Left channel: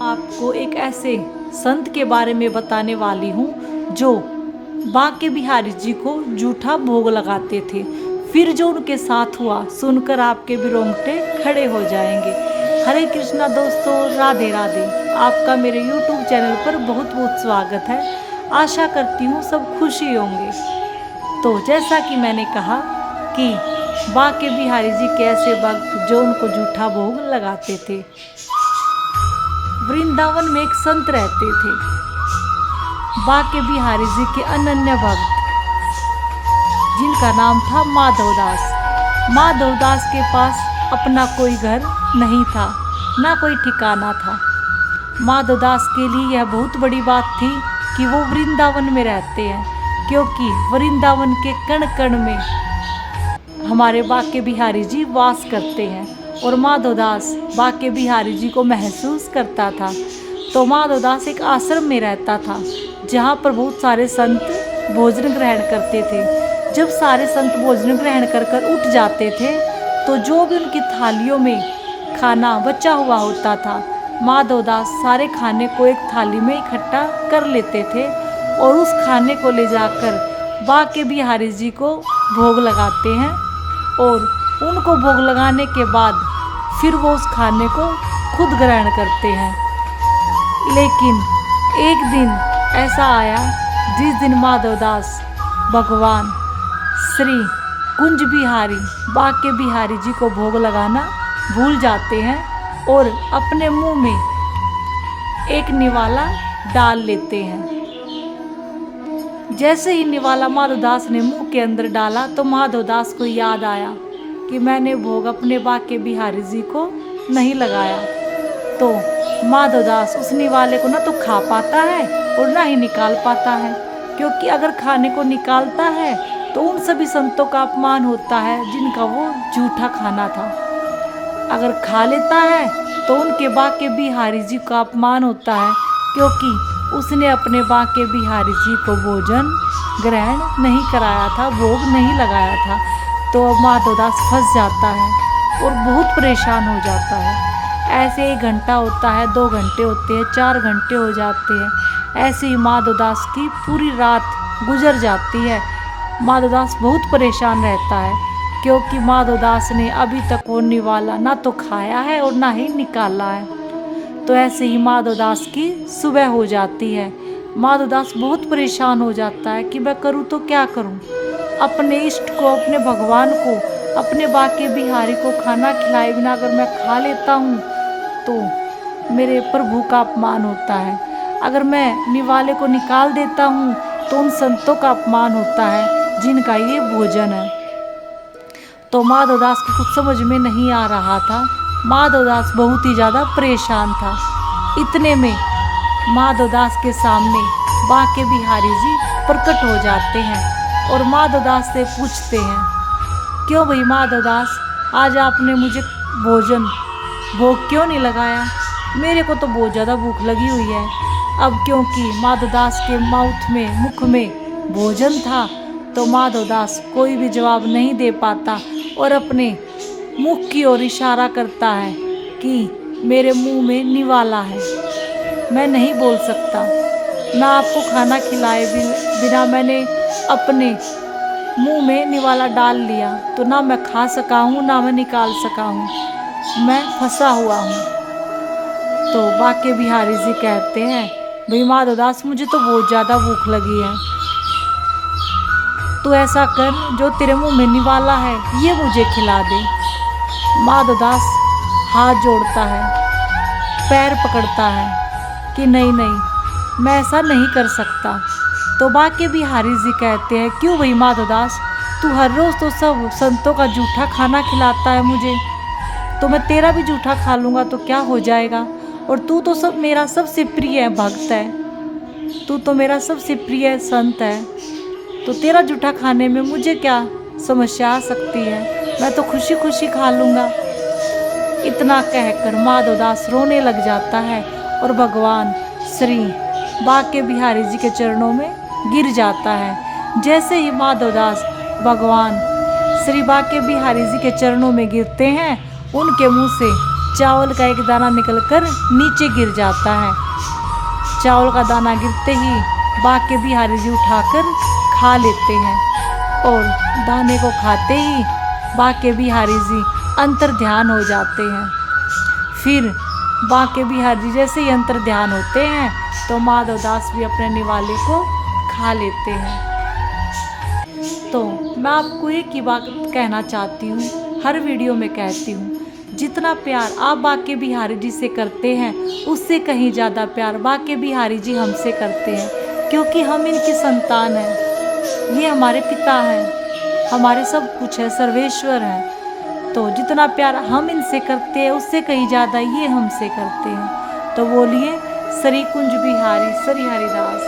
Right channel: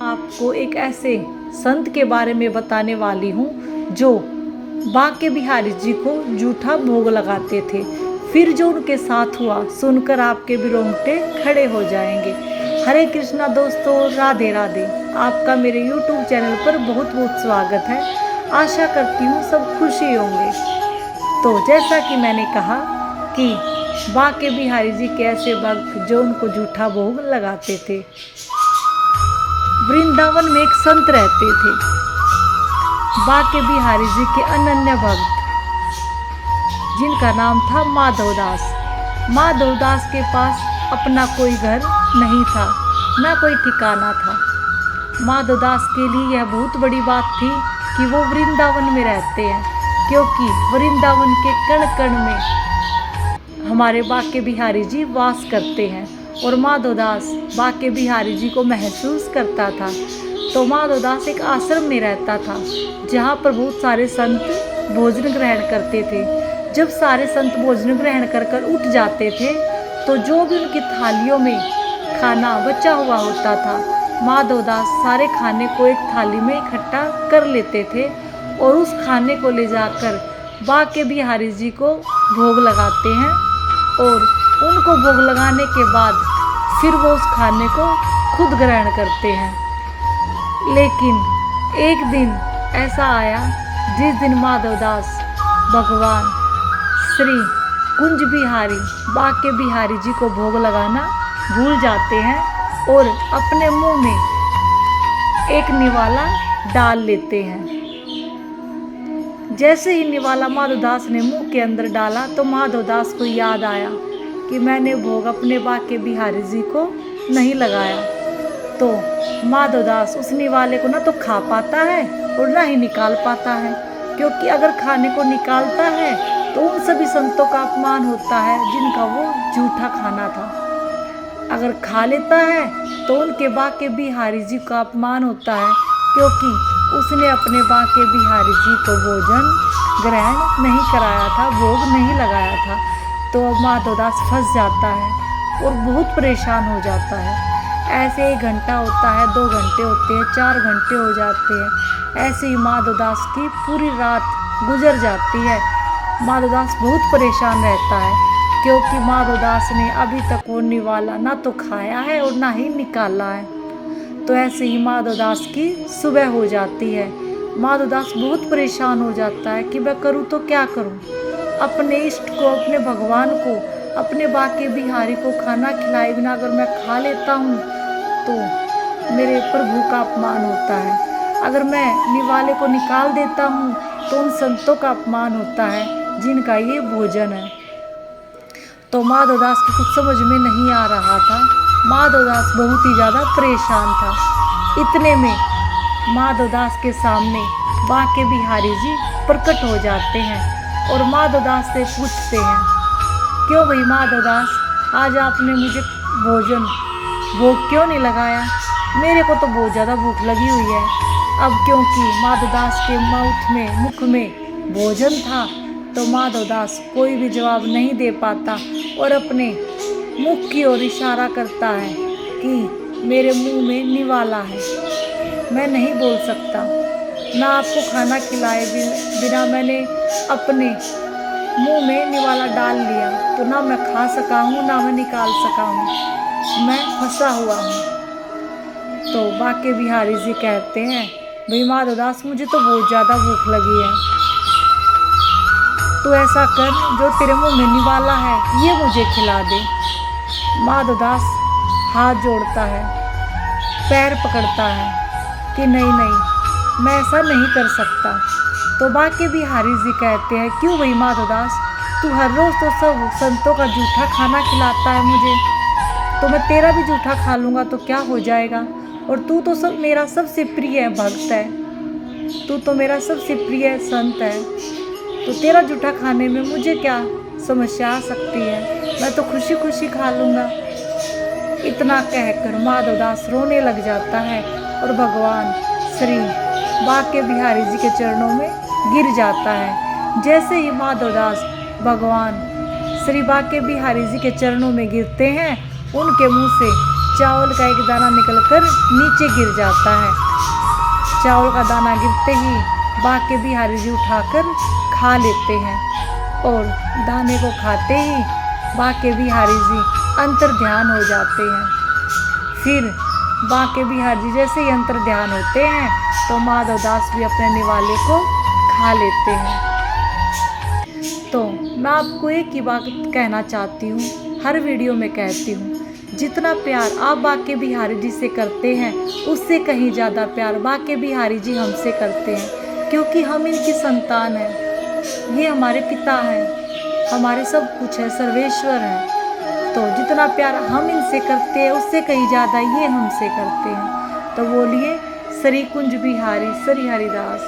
आपको एक ऐसे संत के बारे में बताने वाली हूँ जो बांके बिहारी जी को जूठा भोग लगाते थे। फिर जो उनके साथ हुआ सुनकर आपके भी रोंगटे खड़े हो जाएंगे। हरे कृष्णा दोस्तों, राधे राधे। आपका मेरे YouTube चैनल पर बहुत बहुत स्वागत है। आशा करती हूँ सब खुशी होंगे। तो जैसा कि मैंने कहा कि बांके बिहारी जी के ऐसे भक्त जो उनको जूठा भोग लगाते थे। वृंदावन में एक संत रहते थे, बांके बिहारी जी के अनन्य भक्त, जिनका नाम था माधवदास। माधवदास के पास अपना कोई घर नहीं था, ना कोई ठिकाना था। माधवदास के लिए यह बहुत बड़ी बात थी कि वो वृंदावन में रहते हैं, क्योंकि वृंदावन के कण कण में हमारे बांके बिहारी जी वास करते हैं। और माधवदास बांके बिहारी जी को महसूस करता था। तो माधवदास एक आश्रम में रहता था, जहाँ पर बहुत सारे संत भोजन ग्रहण करते थे। जब सारे संत भोजन ग्रहण कर उठ जाते थे, तो जो भी उनकी थालियों में खाना बचा हुआ होता था, माधवदास सारे खाने को एक थाली में इकट्ठा कर लेते थे और उस खाने को ले जाकर बांके बिहारी जी को भोग लगाते हैं। और उनको भोग लगाने के बाद फिर वो उस खाने को खुद ग्रहण करते हैं। लेकिन एक दिन ऐसा आया जिस दिन माधवदास भगवान श्री कुंज बिहारी बांके बिहारी जी को भोग लगाना भूल जाते हैं और अपने मुंह में एक निवाला डाल लेते हैं। जैसे ही निवाला माधवदास ने मुंह के अंदर डाला तो माधवदास को याद आया कि मैंने भोग अपने बांके बिहारी जी को नहीं लगाया। तो माधवदास उस निवाले को ना तो खा पाता है और ना ही निकाल पाता है, क्योंकि अगर खाने को निकालता है तो उन सभी संतों का अपमान होता है जिनका वो जूठा खाना था। अगर खा लेता है तो उनके बांके बिहारी जी का अपमान होता है, क्योंकि उसने अपने बांके बिहारी जी को भोजन ग्रहण नहीं कराया था, भोग नहीं लगाया था। तो माधवदास फंस जाता है और बहुत परेशान हो जाता है। ऐसे 1 घंटा होता है, 2 घंटे होते हैं, 4 घंटे हो जाते हैं। ऐसे ही माधवदास की पूरी रात गुजर जाती है। माधवदास बहुत परेशान रहता है, क्योंकि माधवदास ने अभी तक वो निवाला ना तो खाया है और ना ही निकाला है। तो ऐसे ही माधवदास की सुबह हो जाती है। माधवदास बहुत परेशान हो जाता है कि मैं करूँ तो क्या करूँ। अपने इष्ट को, अपने भगवान को, अपने बांके बिहारी को खाना खिलाए बिना अगर मैं खा लेता हूँ तो मेरे प्रभु का अपमान होता है। अगर मैं निवाले को निकाल देता हूँ तो उन संतों का अपमान होता है जिनका ये भोजन है। तो माधवदास को कुछ समझ में नहीं आ रहा था। माधवदास बहुत ही ज़्यादा परेशान था। इतने में माधवदास के सामने बांके बिहारी जी प्रकट हो जाते हैं और माधवदास से पूछते हैं, क्यों भाई माधवदास, आज आपने मुझे भोग क्यों नहीं लगाया? मेरे को तो बहुत ज़्यादा भूख लगी हुई है। अब क्योंकि माधवदास के मुख में भोजन था, तो माधवदास कोई भी जवाब नहीं दे पाता और अपने मुख की ओर इशारा करता है कि मेरे मुंह में निवाला है, मैं नहीं बोल सकता। ना आपको खाना खिलाए बिना मैंने अपने मुंह में निवाला डाल लिया, तो ना मैं खा सका हूँ ना मैं निकाल सका हूँ, मैं फंसा हुआ हूँ। तो बांके बिहारी जी कहते हैं, भाई माधवदास, मुझे तो बहुत ज़्यादा भूख लगी है, तो ऐसा कर, जो तेरे मुंह में निवाला है ये मुझे खिला दे। माधवदास हाथ जोड़ता है, पैर पकड़ता है कि नहीं नहीं, मैं ऐसा नहीं कर सकता। तो बांके बिहारी जी कहते हैं, क्यों भाई माधवदास, तू हर रोज़ तो सब संतों का जूठा खाना खिलाता है मुझे, तो मैं तेरा भी जूठा खा लूँगा तो क्या हो जाएगा? और तू तो मेरा सबसे प्रिय भक्त है, तू तो मेरा सबसे प्रिय संत है, तो तेरा जूठा खाने में मुझे क्या समस्या आ सकती है? मैं तो खुशी खुशी खा लूँगा। इतना कहकर माधवदास रोने लग जाता है और भगवान श्री बांके बिहारी जी के चरणों में गिर जाता है। जैसे ही माधवदास भगवान श्री बांके बिहारी जी के चरणों में गिरते हैं, उनके मुंह से चावल का एक दाना निकलकर नीचे गिर जाता है। चावल का दाना गिरते ही बाके बिहारी जी उठाकर खा लेते हैं और दाने को खाते ही बाके बिहारी जी अंतर ध्यान हो जाते हैं। फिर बाके बिहारी जी जैसे ही अंतर ध्यान होते हैं तो माधवदास भी अपने निवाले को खा लेते हैं। तो मैं आपको एक ही बात कहना चाहती हूँ, हर वीडियो में कहती हूँ, जितना प्यार आप बाके बिहारी जी से करते हैं उससे कहीं ज़्यादा प्यार बाके बिहारी जी हमसे करते हैं, क्योंकि हम इनकी संतान हैं। ये हमारे पिता हैं, हमारे सब कुछ है, सर्वेश्वर हैं। तो जितना प्यार हम इनसे करते हैं उससे कहीं ज़्यादा ये हमसे करते हैं। तो बोलिए श्री कुंज बिहारी श्री हरिदास।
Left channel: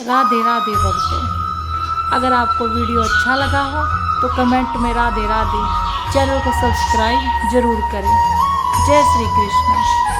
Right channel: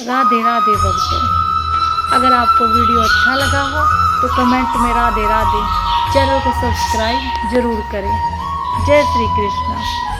राधे राधे भक्तों। अगर आपको वीडियो अच्छा लगा हो तो कमेंट में राधे राधे, चैनल को सब्सक्राइब जरूर करें। जय श्री कृष्ण।